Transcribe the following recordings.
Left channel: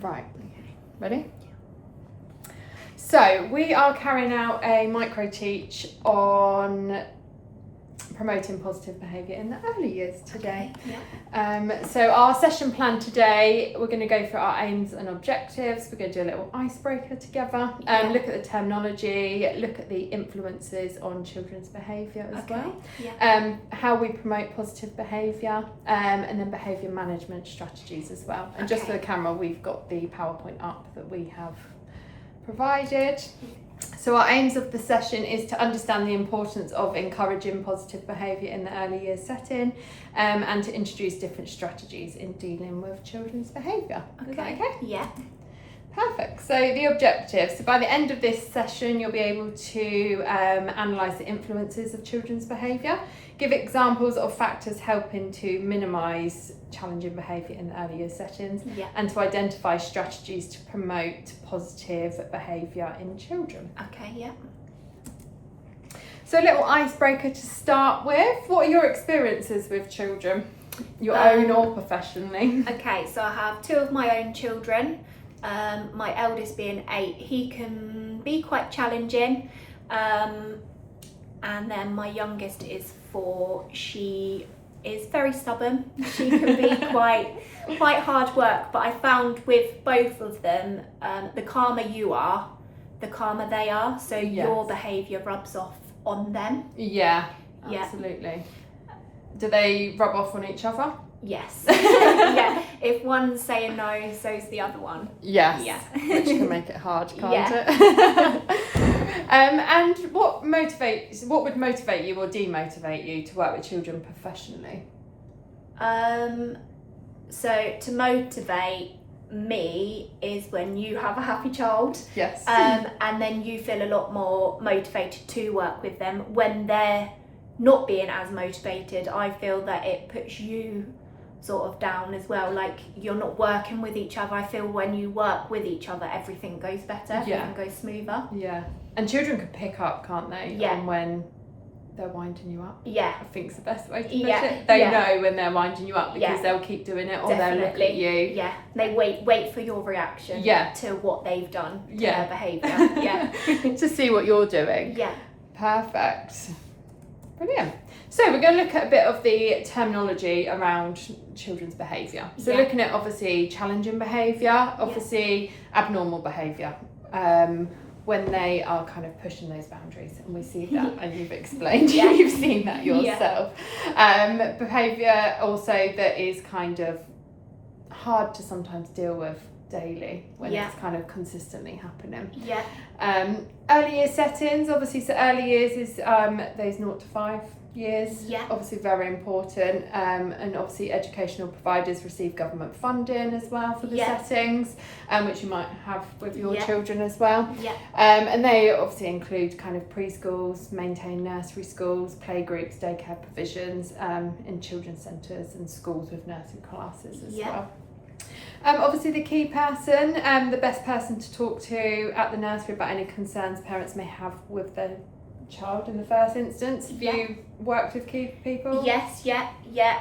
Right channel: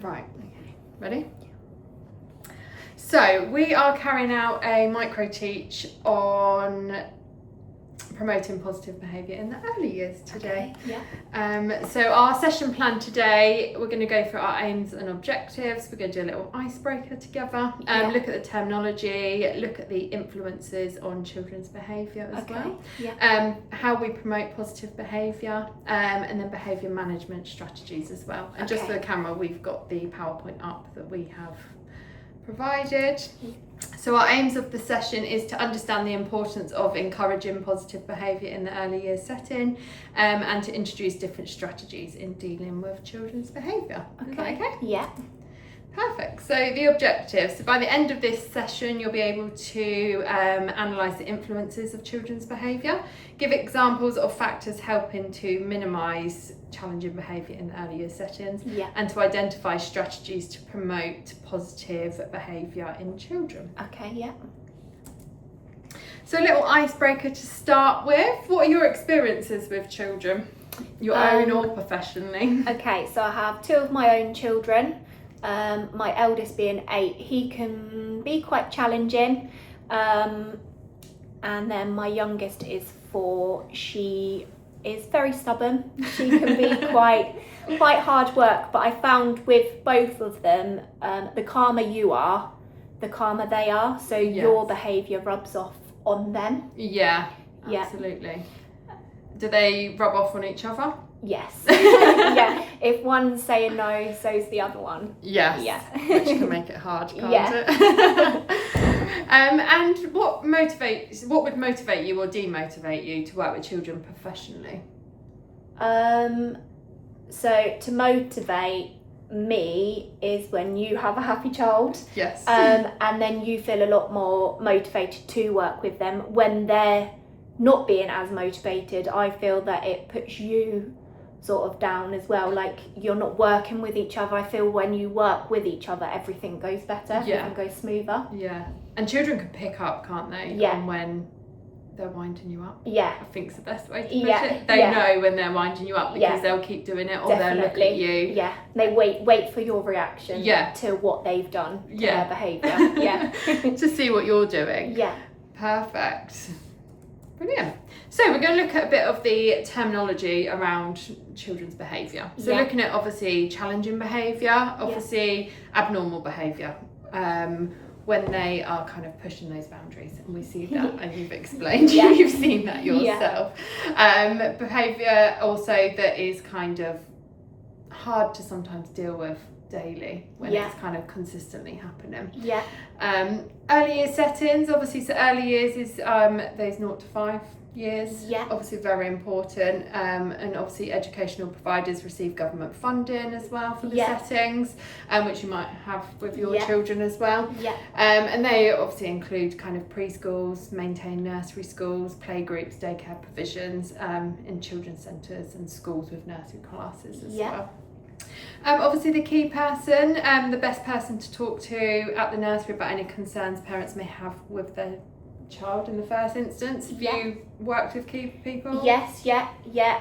Right, ready? So we are carrying out a micro teach on promoting positive behaviour in the early years today. Okay, yeah. So our session plan today, we're going to go through our aims and objectives. We're going to do a little icebreaker together. Look at the terminology, look at the influences on children's behaviour as well. Yeah. How we promote positive behaviour, and then behaviour management strategies as well. And just for the camera, we've got the PowerPoint up that we have provided. So our aims of the session is to understand the importance of encouraging positive behaviour in the early years setting, and to introduce different strategies in dealing with children's behaviour. Is that okay? Yeah. Perfect. So the objectives. So by the end of this session, you'll be able to analyse the influences of children's behaviour, give examples of factors helping to minimise challenging behaviour in the early years settings, and to identify strategies to promote positive behaviour in children. Okay, yeah. So a little icebreaker to start with. What are your experiences with children? Your own or professionally? Okay, so I have two of my own children. My eldest being 8, he can be quite challenging. And then my youngest is 4. She is very stubborn. She can be quite hard work, but I found with both of them, the calmer you are, the calmer they are. So your behaviour rubs off on them. Yeah, absolutely. Do they rub off on each other? Yes. Yeah. If one's saying no, so's the other one. Yes. Yeah. Which can make it hard, can't it? And what would motivate you or demotivate you to work with children professionally? So to motivate me is when you have a happy child. Yes. And then you feel a lot more motivated to work with them. When they're not being as motivated, I feel that it puts you sort of down as well, like you're not working with each other. I feel when you work with each other, everything goes better, everything goes smoother. Yeah. And children can pick up, can't they? Yeah. On when they're winding you up. Yeah. I think's the best way to put it. They know when they're winding you up because they'll keep doing it, or they'll look at you. Yeah. They wait for your reaction to what they've done to their behaviour. Yeah. To see what you're doing. Yeah. Perfect. Brilliant. So we're going to look at a bit of the terminology around children's behaviour. So looking at obviously challenging behaviour, obviously abnormal behaviour, when they are kind of pushing those boundaries, and we see that, and you've explained, you've seen that yourself. Behaviour also that is kind of hard to sometimes deal with daily when it's kind of consistently happening. Yeah. Early years settings, obviously, so early years is those 0 to 5 years, obviously very important, and obviously educational providers receive government funding as well for the settings, which you might have with your children as well. And they obviously include kind of preschools, maintained nursery schools, playgroups, daycare provisions, in children's centres and schools with nursery classes as well. Obviously the key person, the best person to talk to at the nursery about any concerns parents may have with their child in the first instance. Have you worked with key people? Yes,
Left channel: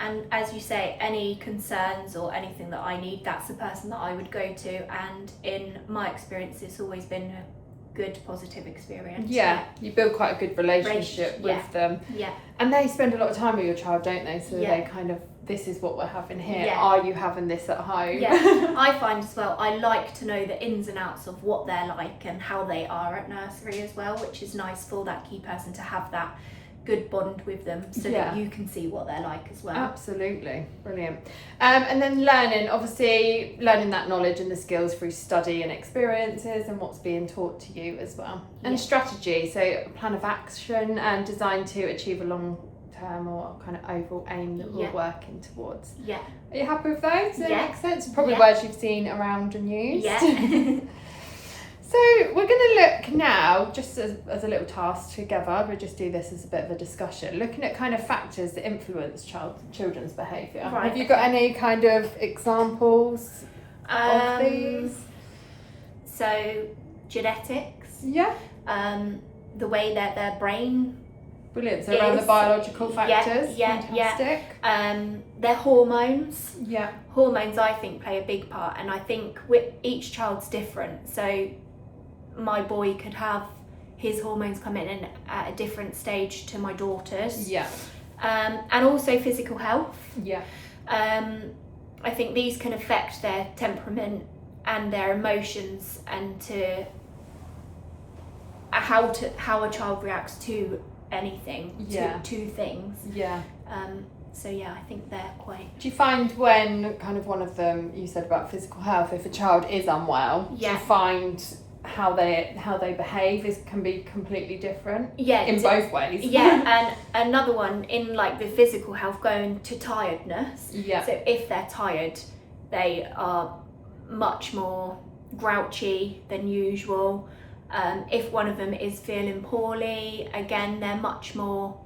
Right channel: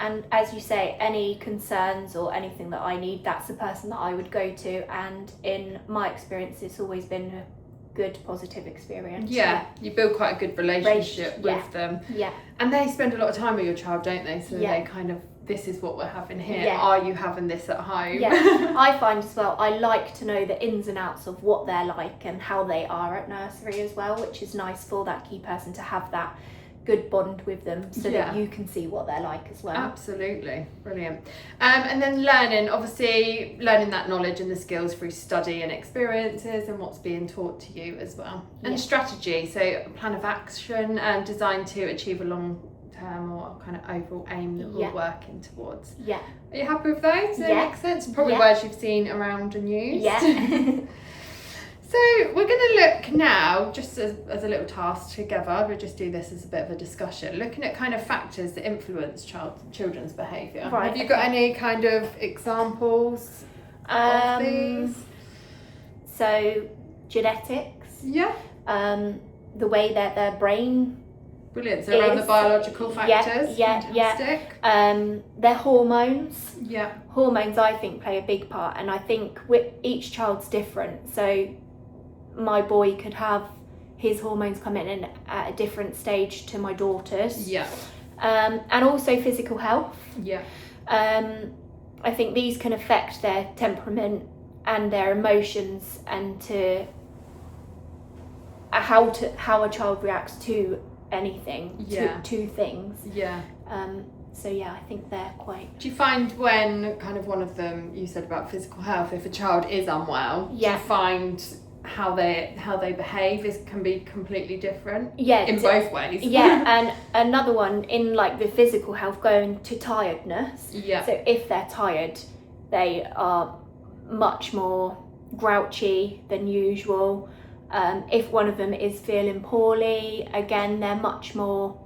and as you say, any concerns or anything that I need, that's the person that I would go to, and in my experience it's always been a good positive experience. You build quite a good relationship with them, and they spend a lot of time with your child, don't they? So they kind of, this is what we're having here, are you having this at home? I find as well, I like to know the ins and outs of what they're like and how they are at nursery as well, which is nice for that key person to have that good bond with them, so that you can see what they're like as well. Absolutely, brilliant. And then learning, obviously learning that knowledge and the skills through study and experiences and what's being taught to you as well. And strategy, so a plan of action designed to achieve a long-term or kind of overall aim that we're working towards. Are you happy with those? Does that make sense? Probably words you've seen around and used. So we're going to look now, just as a little task together, we'll just do this as a bit of a discussion, looking at kind of factors that influence children's behaviour. Have you got any kind of examples of these? So genetics. Yeah. The way that their brain Brilliant. So around the biological factors. Yeah. Fantastic. Their hormones. Yeah. Hormones, I think, play a big part, and I think each child's different. So my boy could have his hormones come in at a different stage to my daughter's. Yeah. And also physical health. Yeah. I think these can affect their temperament and their emotions, and to how a child reacts to anything, to things. Yeah. So yeah, I think they're quite. Do you find when kind of one of them, you said about physical health, if a child is unwell, do you find how they behave can be completely different? Yeah. In both ways. Yeah, and another one in like the physical health, going to tiredness. Yeah. So if they're tired, they are much more grouchy than usual. If one of them is feeling poorly, again, they're much more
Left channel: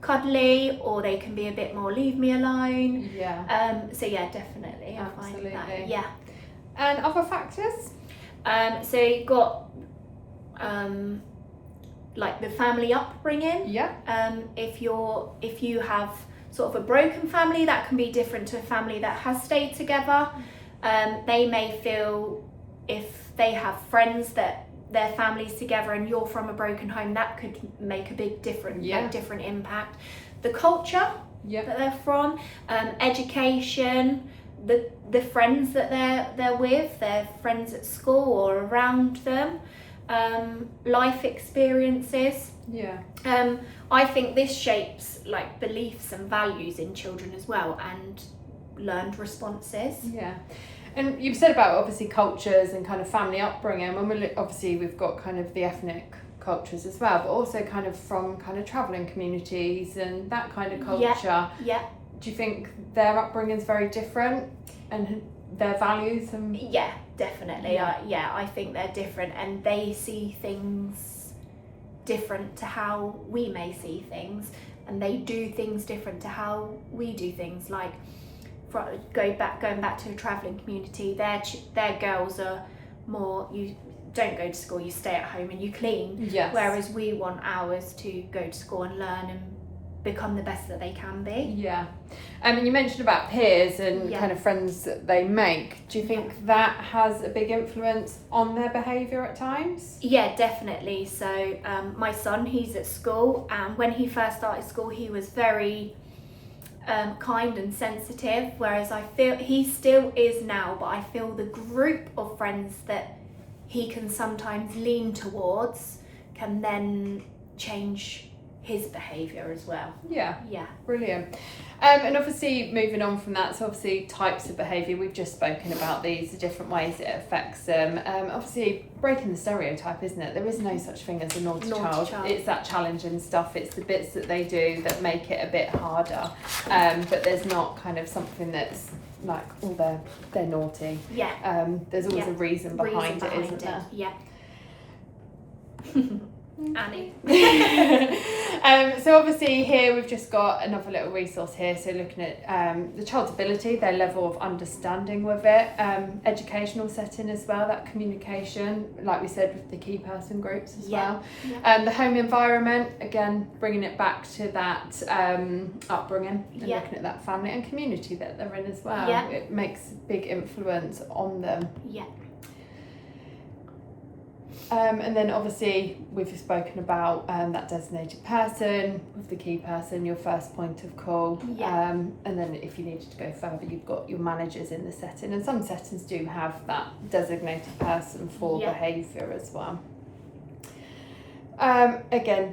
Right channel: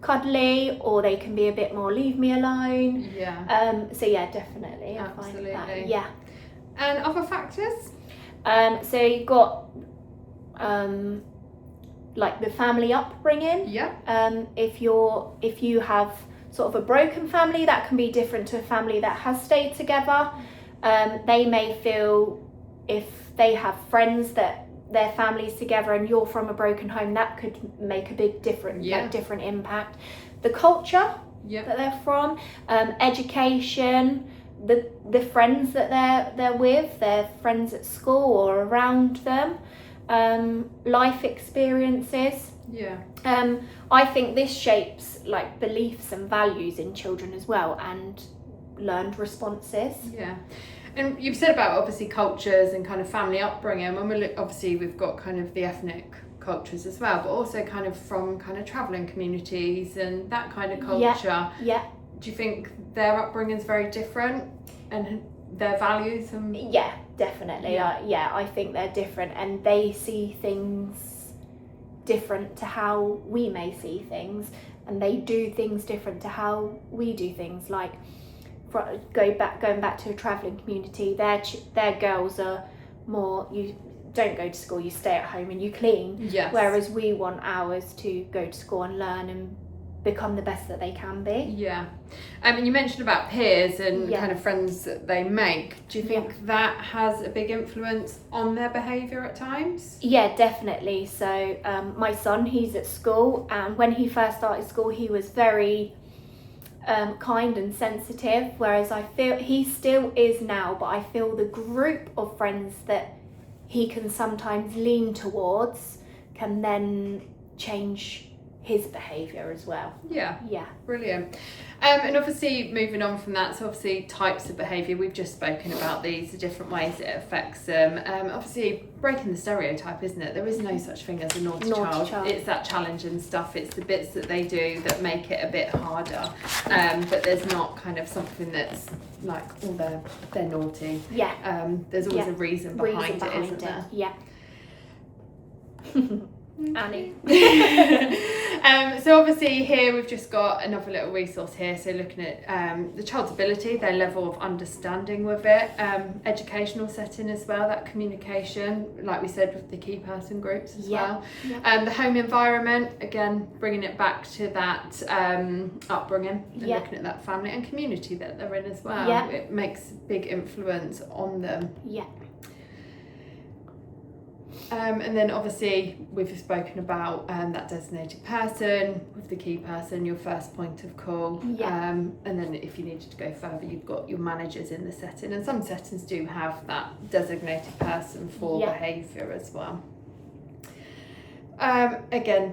cuddly, or they can be a bit more leave me alone. Yeah. So yeah, definitely. Absolutely. I find that. Yeah. And other factors? So you've got like the family upbringing. Yeah. If you have sort of a broken family, that can be different to a family that has stayed together. They may feel, if they have friends that their families together and you're from a broken home, that could make a big difference, like different impact. The culture that they're from, education, the friends that they're with, their friends at school or around them, life experiences. Yeah. I think this shapes like beliefs and values in children as well, and learned responses. Yeah. And you've said about obviously cultures and kind of family upbringing. When we look, obviously we've got kind of the ethnic cultures as well, but also kind of from kind of travelling communities and that kind of culture. Yeah. Do you think their upbringing is very different and their values? Yeah, definitely. Yeah. I think they're different, and they see things different to how we may see things, and they do things different to how we do things. Like, going back to a travelling community, their girls are more, you don't go to school, you stay at home and you clean. Yes. Whereas we want ours to go to school and learn and become the best that they can be. Yeah. You mentioned about peers and kind of friends that they make. Do you think that has a big influence on their behaviour at times? Yeah, definitely. So my son, he's at school, and when he first started school, he was very kind and sensitive, whereas I feel he still is now, but I feel the group of friends that he can sometimes lean towards can then change his behaviour as well. Yeah. Yeah. Brilliant. And obviously moving on from that, so obviously types of behaviour, we've just spoken about these, the different ways it affects them. Obviously breaking the stereotype, isn't it? There is no such thing as a naughty child. It's that challenging stuff, it's the bits that they do that make it a bit harder. But there's not kind of something that's like, oh, they're naughty. Yeah. There's always a reason behind it, isn't there? Yeah. Annie. So obviously here we've just got another little resource here, so looking at the child's ability, their level of understanding with it, educational setting as well, that communication, like we said, with the key person groups as well. The home environment, again bringing it back to that upbringing and looking at that family and community that they're in as well. It makes a big influence on them. And then obviously we've spoken about that designated person with the key person, your first point of call. And then if you needed to go further, you've got your managers in the setting, and some settings do have that designated person for behaviour as well. Again,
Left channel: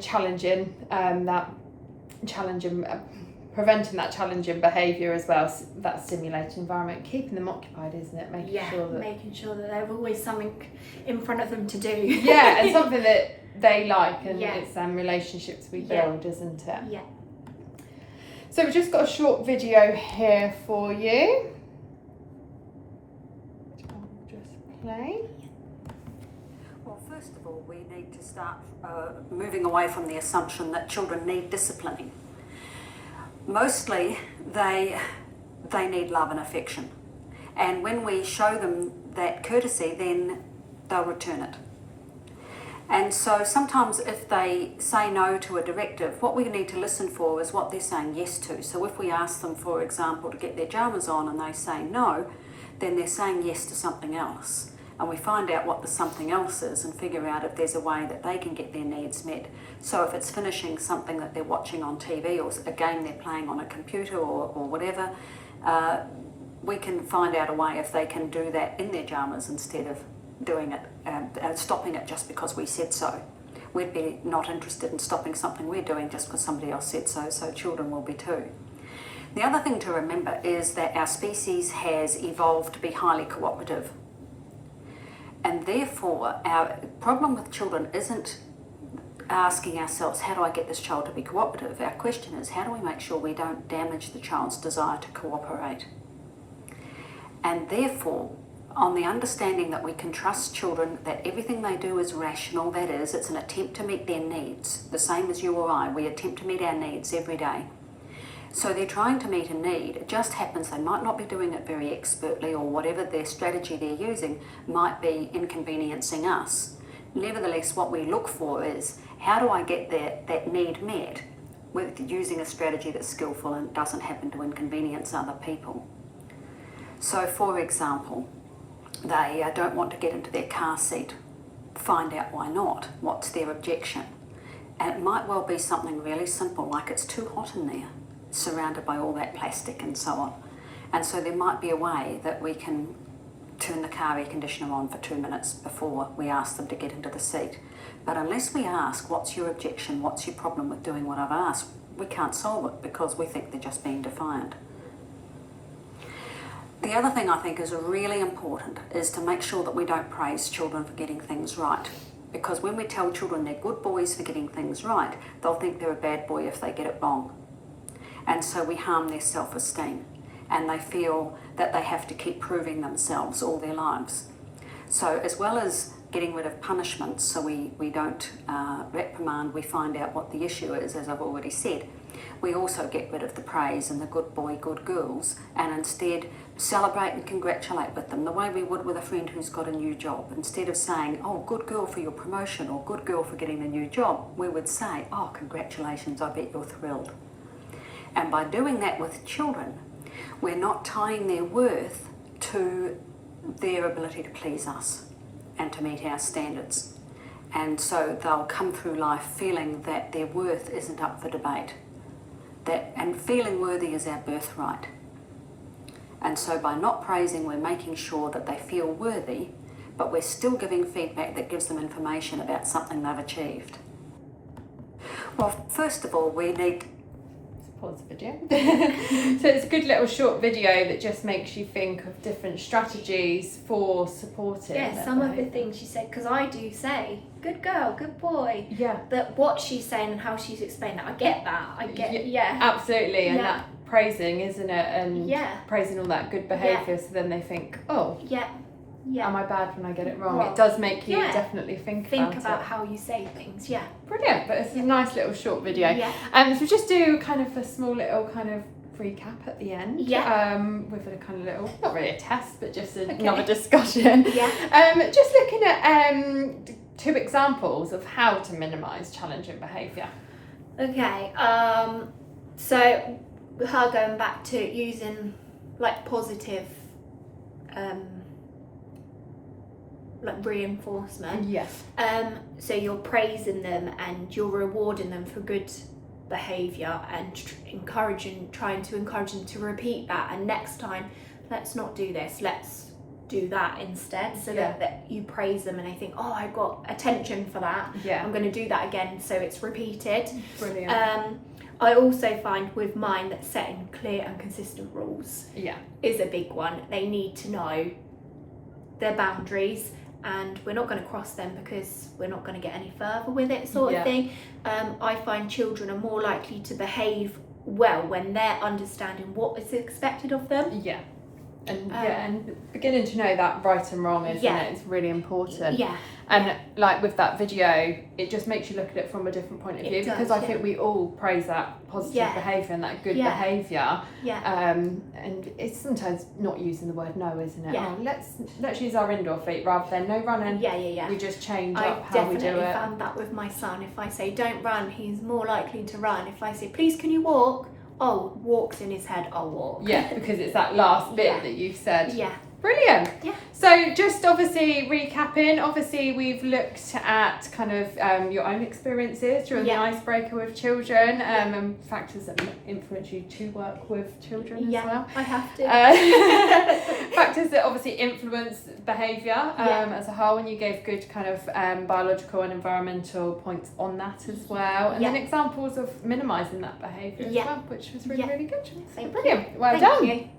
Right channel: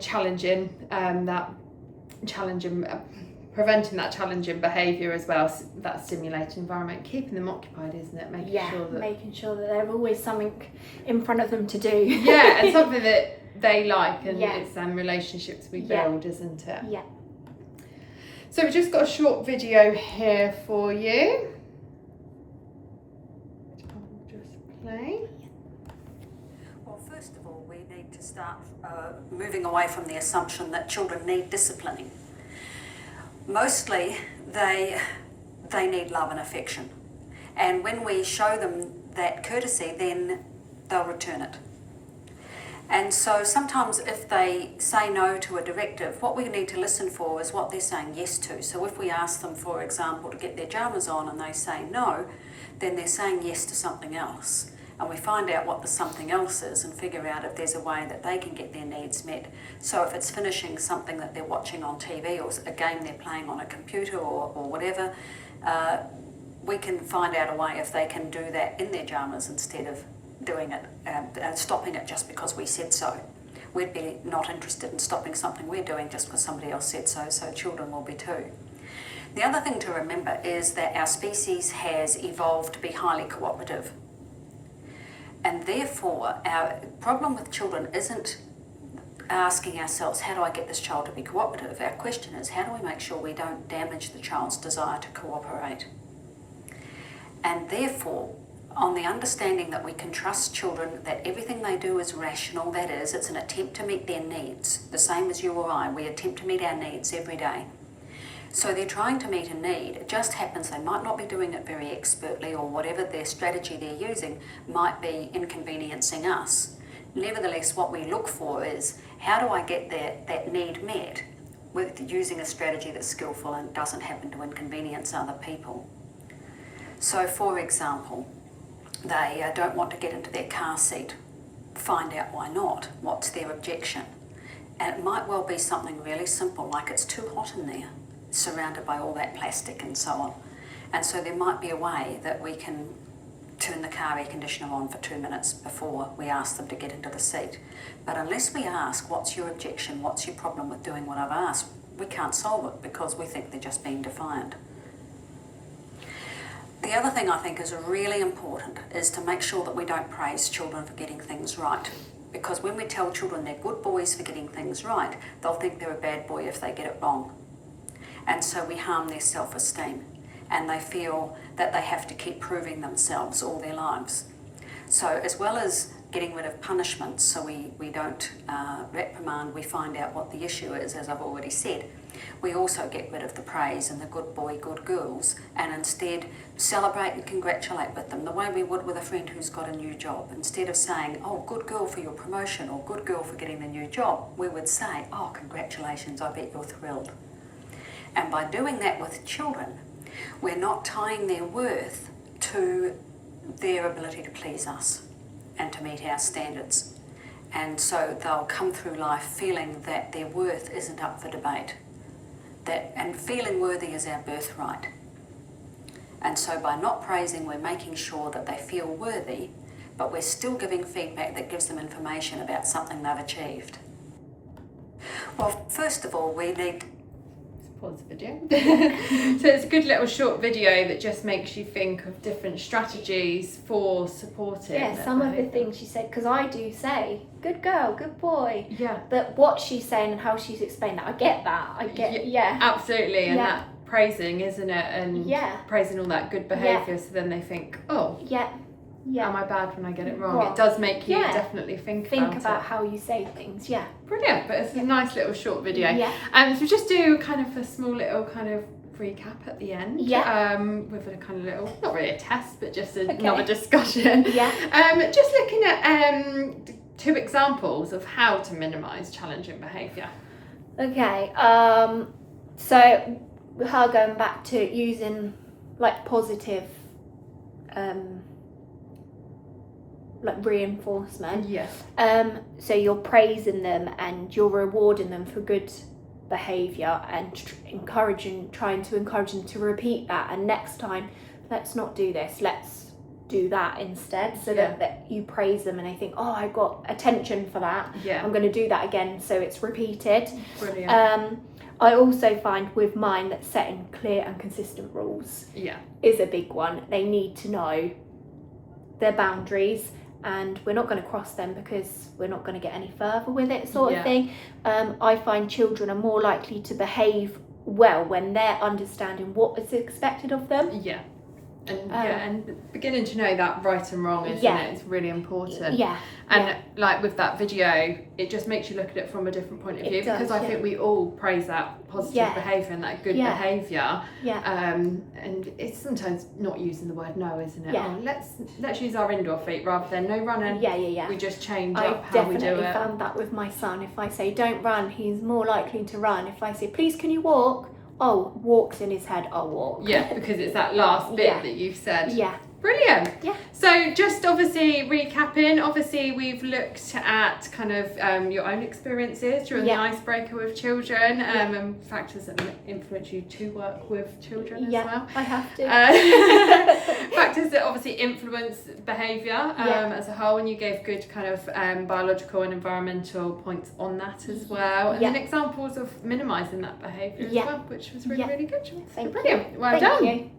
preventing that challenging behaviour as well, that stimulating environment, keeping them occupied, isn't it? Making sure that there's always something in front of them to do. And something that they like, and it's relationships we build, isn't it? Yeah. So we've just got a short video here for you. I'll just play. Well, first of all, we need to start moving away from the assumption that children need disciplining. Mostly they need love and affection, and when we show them that courtesy, then they'll return it. And so sometimes if they say no to a directive, what we need to listen for is what they're saying yes to. So if we ask them, for example, to get their pyjamas on and they say no, then they're saying yes to something else. And we find out what the something else is and figure out if there's a way that they can get their needs met. So if it's finishing something that they're watching on TV or a game they're playing on a computer or whatever, we can find out a way if they can do that in their pyjamas instead of doing it, stopping it just because we said so. We'd be not interested in stopping something we're doing just because somebody else said so, so children will be too. The other thing to remember is that our species has evolved to be highly cooperative. And therefore, our problem with children isn't asking ourselves, how do I get this child to be cooperative? Our question is, how do we make sure we don't damage the child's desire to cooperate? And therefore, on the understanding that we can trust children, that everything they do is rational, that is, it's an attempt to meet their needs, the same as you or I, we attempt to meet our needs every day. So they're trying to meet a need. It just happens they might not be doing it very expertly, or whatever their strategy they're using might be inconveniencing us. Nevertheless, what we look for is, how do I get that need met with using a strategy that's skillful and doesn't happen to inconvenience other people? So for example, they don't want to get into their car seat. Find out why not. What's their objection? And it might well be something really simple, like it's too hot in there, surrounded by all that plastic and so on. And so there might be a way that we can turn the car air conditioner on for 2 minutes before we ask them to get into the seat. But unless we ask, what's your objection, what's your problem with doing what I've asked, we can't solve it because we think they're just being defiant. The other thing I think is really important is to make sure that we don't praise children for getting things right. Because when we tell children they're good boys for getting things right, they'll think they're a bad boy if they get it wrong. And so we harm their self-esteem, and they feel that they have to keep proving themselves all their lives. So as well as getting rid of punishments, so we don't reprimand, we find out what the issue is, as I've already said. We also get rid of the praise and the good boy, good girls, and instead celebrate and congratulate with them the way we would with a friend who's got a new job. Instead of saying, oh, good girl for your promotion, or good girl for getting a new job, we would say, oh, congratulations, I bet you're thrilled. And by doing that with children, we're not tying their worth to their ability to please us and to meet our standards. And so they'll come through life feeling that their worth isn't up for debate. And feeling worthy is our birthright. And so by not praising, we're making sure that they feel worthy, but we're still giving feedback that gives them information about something they've achieved. Well, first of all, we need... Pause the video. So it's a good little short video that just makes you think of different strategies for supporting. Yeah, some of the things she said, because I do say, good girl, good boy. Yeah. But what she's saying and how she's explained that, I get that. Yeah. Absolutely, and that praising, isn't it? And praising all that good behaviour, so then they think, oh, am I bad when I get it wrong? It does make you definitely think about how you say things. Brilliant, but it's a nice little short video. So we'll just do kind of a small little kind of recap at the end. With a kind of little, not really a test, but just another discussion. Just looking at 2 examples of how to minimise challenging behaviour. Okay, so her going back to using like positive like reinforcement. Yes. So you're praising them and you're rewarding them for good behaviour and trying to encourage them to repeat that, and next time, let's not do this, let's do that instead, so that you praise them and they think, oh, I got attention for that, I'm going to do that again, so it's repeated. Brilliant. I also find with mine that setting clear and consistent rules is a big one. They need to know their boundaries, and we're not going to cross them because we're not going to get any further with it, sort of thing. I find children are more likely to behave well when they're understanding what is expected of them. and beginning to know that right and wrong, isn't it? It's really important. Yeah. And like with that video, it just makes you look at it from a different point of view, because I think we all praise that positive behaviour and that good behaviour. And it's sometimes not using the word no, isn't it? Oh, let's use our indoor feet rather than no running. We just change up how we do it. I've definitely found that with my son. If I say don't run, he's more likely to run. If I say please can you walk, walks in his head, I'll walk. Yeah, because it's that last bit that you've said. Yeah. Brilliant. Yeah. So just obviously recapping, obviously we've looked at kind of your own experiences during the icebreaker with children and factors that influence you to work with children as well. I have to. Factors that obviously influence behaviour as a whole, and you gave good kind of biological and environmental points on that as well. And then examples of minimising that behaviour as well, which was really, really good. Thank Brilliant. you. Well Thank done. you.